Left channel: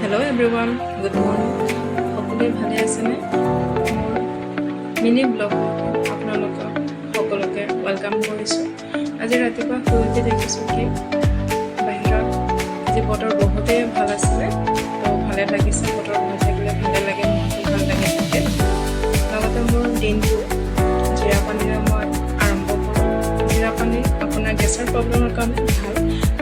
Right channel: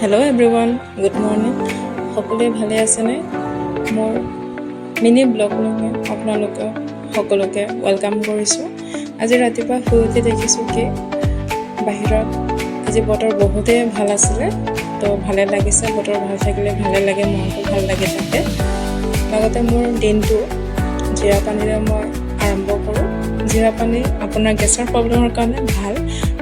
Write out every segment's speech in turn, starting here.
Hello' everyone, good morning. সকলোৱে ভালে আছেনে? মোৰ মিনি ব্লগলৈ আপোনালোকক সকলোকে ৱেলকাম কৰিছোঁ। আজি ৰাতিপুৱা শুই উঠি দেখিছোঁ কি বাহিৰত আজি বতৰ বহুতেই ভাল আছিলে, তো ভালে লাগিছে। বতৰ ভাল থাকিলে ভালে লাগে, মনটো ভাল লাগি থাকে। লগতে মোৰ দিনটো জিৰা পানীৰে মই আৰম্ভ কৰোঁ। জিৰা পানী আপোনাৰ গেছৰ প্ৰব্লেমৰ কাৰণে ভাল।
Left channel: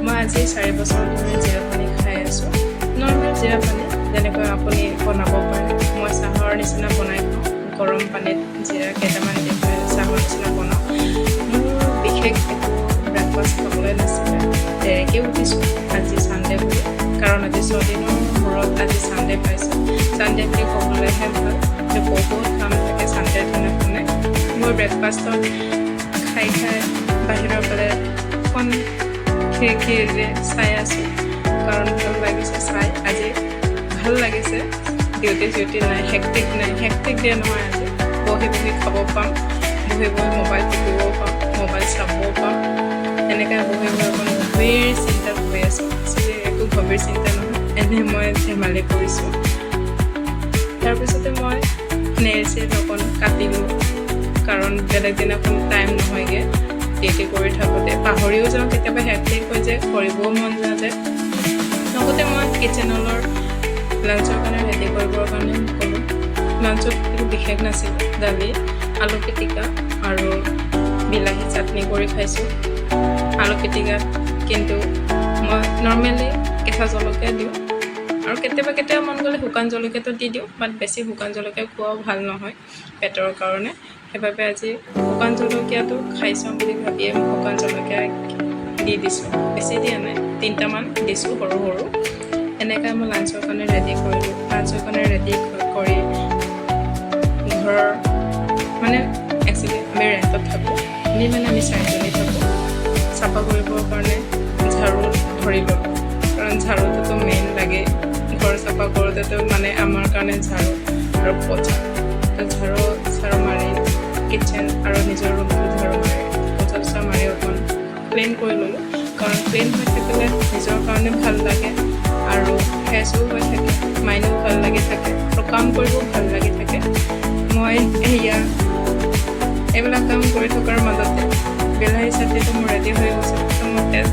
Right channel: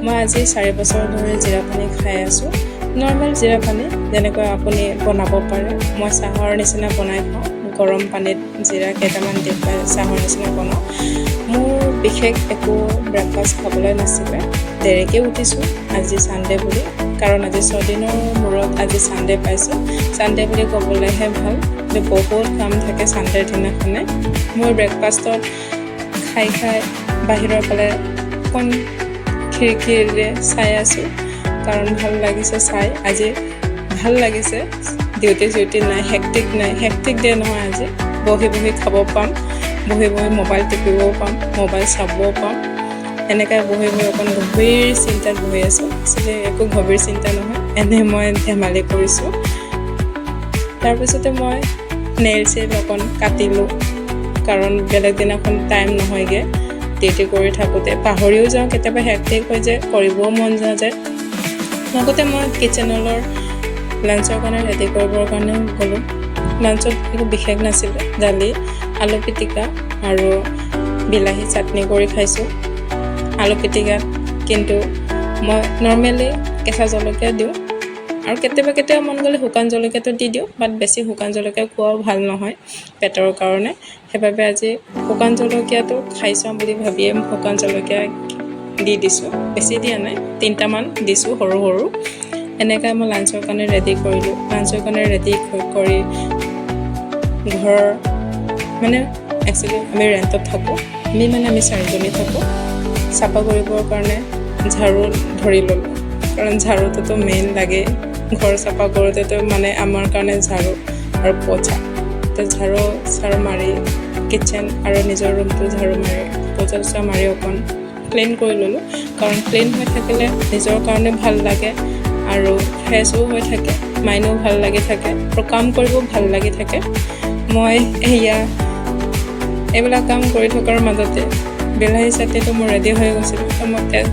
মই আজি 4 বছৰ ধৰি জিৰা পানী খাই আছোঁ। নৰ্মেল জিৰা পানী যেনেকৈ আপুনি বনাব পাৰে, মই চাহৰ নিচিনা বনাই খাওঁ। গৰম পানীত জিৰা কেইটামান দি পেলাই চাহৰ নিচিনা বনাওঁ। মোৰ বিশেষ একো ব্ৰেকফাষ্ট খাবলৈ নাছিলে, দেৰিকৈ উঠিছোঁ আজি ছানডে বুলি, কাৰণ আজি 6 দিনৰ মূৰত আজি ছানডে পাইছোঁ। ছানডে বুলি ক'বলৈহে ভাল, কিন্তু বহুত কাম থাকে ছানডেৰ দিনাখনে। মোৰ ব্ৰেকফাষ্টত খাই বাহিৰৰ ফালে অকণ খিৰিকীৰে চাই আছোঁ, কাৰণ ভাল লাগিছে চাই। আজি ভাল লাগিছে, ডিউটি নাই, হেক্টিক ডে নহয়। আজি বহি খাব পাম, বহি মোবাইল টিপিবও পাম, মোবাইল চাবও পাম। এনেকৈ বহি অকণ গভীৰ চিন্তাত বহি আছোঁ। আচলতে একো গভীৰ চিন্তা নহয়, এনেই মই ধেমালি কৰিছোঁ। তাৰপিছতে মই নেইল অকণ কাটিলোঁ, কাৰণ বেলেগ দিনাখন টাইম নহয়গৈ। ডিউটি কৰি থাকোঁতে পাহৰিও যাওঁ, কেতিয়াবা হেক্টিক হৈ যায়, কৰিবও মন নাযায়। লগতে মই কিটচেনৰ লাঞ্চৰ কাৰণে ৰেডি কৰিবৰ কাৰণে গ'লোঁ। লাঞ্চত একো বিশেষ নাছিলে, দালি, আলু পিটিকা আৰু বিলাহী চাটনি কৰি খাইছোঁ। আলু পিটিকাত কিন্তু মই নৰ্মেলি কেঁচা জলকীয়া দিওঁ, আৰু কেতিয়াবা মন গ'লে শুকান জলকীয়াটো দি দিওঁ, বাট বেছি শুকান জলকীয়া খোৱাও ভাল নহয় পেটৰ কাৰণে। সেইবাবে আজি শুকান জলকীয়াটো খাই চাওঁ বুলি ভাবিয়ে শুকান জলকীয়া দি দিছোঁ। বেছি দিয়া নাই, 3টামান দিছোঁ সৰু সৰু। এনেকৈ মই লাঞ্চৰ কাৰণে ৰেডি কৰিলোঁ। লাঞ্চৰ কাৰণে ৰেডি কৰি ঘৰৰ মানে একচুৱেলি আমি ৰেণ্টত থাকোঁ, আমি 4জনী থাকোঁ। চাফা কৰিবৰ কাৰণে ঝাৰু ধৰি ল'লোঁ, কাৰণ ঝাৰুটোতো মেইন লাগেই। ঘৰ চাফা কৰোঁতেতো আমাৰ কাৰণে ঝাৰু আৰু পোছা। তো ঝাৰু মাৰি কিটচেন আৰু নিজৰ ৰুমটো ঝাৰু মাৰি পোছা মাৰি অকণ ক্লিন কৰি ল'লোঁ, কাৰণ ক্লিন হৈ থাকিলে নিজৰ কাৰণে ভাল লাগে আৰু ফ্ৰেছো হৈ থাকে, মাইণ্ডো ভাল লাগি থাকে আৰু কাম কৰিব ভাল লাগি থাকে। মই এইবিলাক কাম কৰি থকাৰ মাজতে বিলাহী চাটনিটো মোৰ ৰেডি হৈ গৈছিলোঁ। তো মই তেল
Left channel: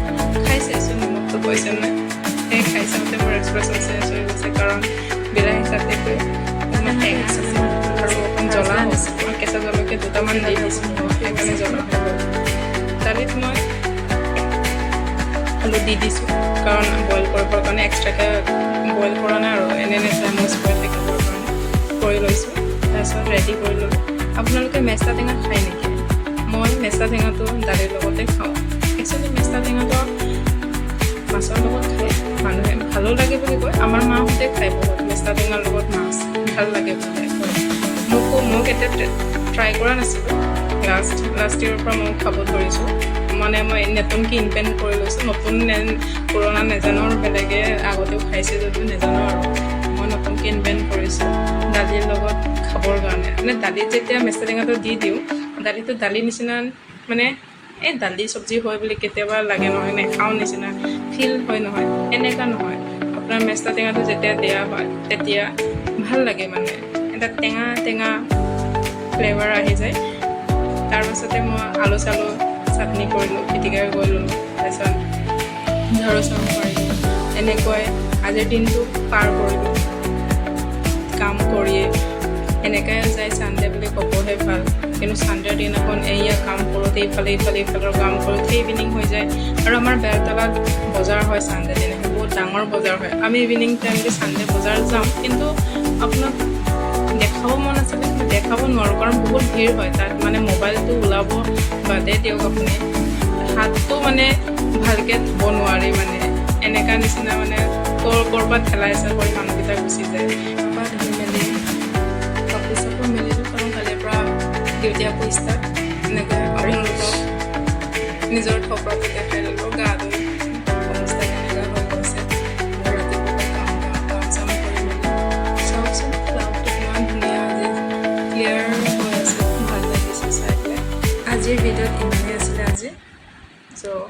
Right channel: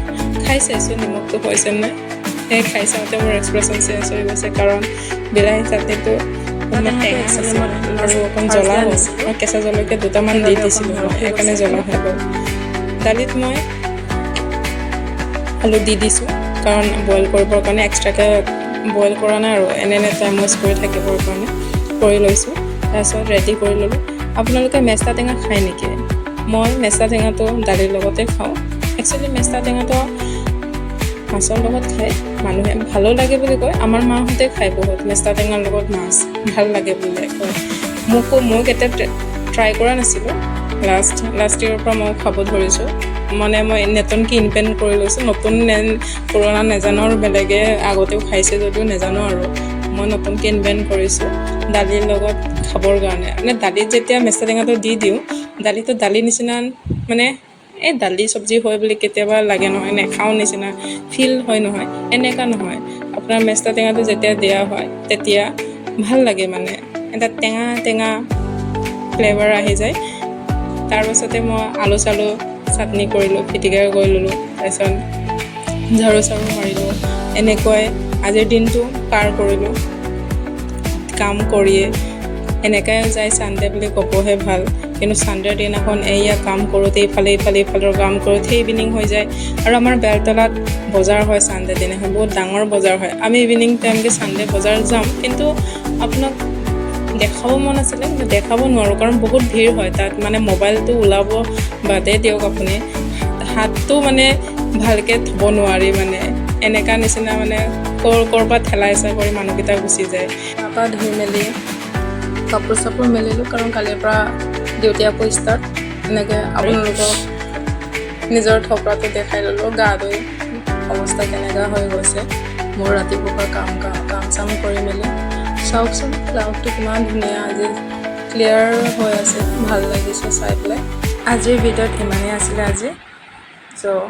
খাই চাইছোঁ নিমখটো হৈছে নাই। সেই খাই চাওঁতে মোৰ এক্সপ্ৰেশ্যন চেঞ্জ হৈ গৈছে, কাৰণ বিলাহী চাটনিটো অকণমান টেঙা আছিলে আৰু অকণ জ্বলা হৈছিল। মই কেঁচা জলকীয়া 2টামান দি দিছিলোঁ, সেইকাৰণে জ্বলা হৈ গ'ল। দালিত মই আলু দি দিছোঁ, কাৰণ বইল কৰিবৰ কাৰণে এক্সট্ৰাকৈ বইল কৰা নাই আৰু এনে টাইম ৱেষ্ট কৰি থাকিবৰ কাৰণে কৰি লৈছোঁ। তাৰপিছত ৰেডি কৰি ল'লোঁ। আপোনালোকে মেষ্টা টেঙা খায় নেকি? মই মেষ্টা টেঙাটো দালিৰ লগতে খাওঁ। একচুৱেলি মেষ্টা টেঙাটো মাছৰ লগত খায় মানুহে, ভালো লাগে বুলি কয়। আমাৰ মাহঁতে খায় বহুত, মেষ্টা টেঙাৰ লগত মাছ ভাল লাগে বুলি কয়। মই কেতিয়া ট্ৰাই কৰা নাছিলোঁ, লাষ্ট ইয়েৰৰ পৰা মই খাব ধৰিছোঁ। মই নতুনকৈ ইনভেণ্ট কৰি লৈছোঁ। নতুন পুৰণা নাজানো, আৰু বেলেগে আগতেও খাইছে যদিও নাজানো, আৰু মই নতুনকৈ ইনভেণ্ট কৰিছোঁ দালিৰ লগত খাবৰ কাৰণে। দালিত যেতিয়া মেষ্টা টেঙাটো দি দিওঁ, দালিটো দালিৰ নিচিনা এই দালি চব্জি হয় বুলি কেতিয়াবা লাগে নহয়, নেখাওঁ নিচিনা ফিল হয় নহয়, এনেকুৱা নহয়। আপোনাৰ মেষ্টা টেঙাটো যেতিয়া দিয়া হয় তেতিয়া ভাল লাগে, এটা টেঙা ফ্লেভাৰ আহি যায়। তাৰপাছতে মই আলু চালু চাটনি কৰিলোঁ, পিটিকা কৰি ল'লোঁ, তাৰপিছত ঝাৰু মাৰিলোঁ। এনেকৈ আজিৰ দিনটো পাৰ কৰিলোঁ কাম কৰিয়ে। এনেকৈ যায় ছানডে বুলি ক'বহে ভাল, কিন্তু ছানডেৰ দিনাখন কাম কৰোঁতে ইফালৰ কাম কৰোঁতে ইভিনিং হৈ যায়। আৰু আমাৰ বেলতলাত বজাৰ হয় ছানডে দিনাখন, বহুত ডাঙৰ বজাৰ হয়। আমি ইভিনিং টাইমকৈ ছানডে বজাৰ যাম, কিন্তু আপোনাক দেখাব মন আছিলে, কিন্তু দেখাব নোৱাৰোঁ, কাৰণ বহুত ভিৰ হয় তাত। মোবাইলটো ওলাব বাদে দিয়ক, আপুনি হাতটো ভালকৈ থ'ব নোৱাৰি, এনেকুৱা নিচিনা ক'ৰবাত ঠেলাই হেঁচা কৰি মানুহকেইটা গুচি যায়। তাৰপৰা ধুই মেলি কাপোৰ চাপোৰ মেলিলোঁ, কাৰণ কালিৰ পৰা ডিউটি আকৌ ষ্টাৰ্ট। এনেকৈ আপোনালোকক নিজৰ থপৰাটো দেখাই ল'লোঁ। গা ধুই অৱস্থা কেনেকুৱা হৈ গৈছে মোৰ ৰাতিপুৱাৰ কাম চাম কৰি মেলি। চাওকচোন ক্লাউডটো কিমান ধুনীয়া, আজি ক্লিয়াৰ হৈ আছে, ভাল লাগিছে চাই পেলাই। আজিৰ ভিডিঅ'ত ইমানেই আছিলে আজি। চ'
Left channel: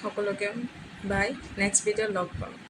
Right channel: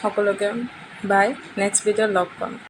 সকলোকে বাই, নেক্সট ভিডিঅ'ত লগ পাম।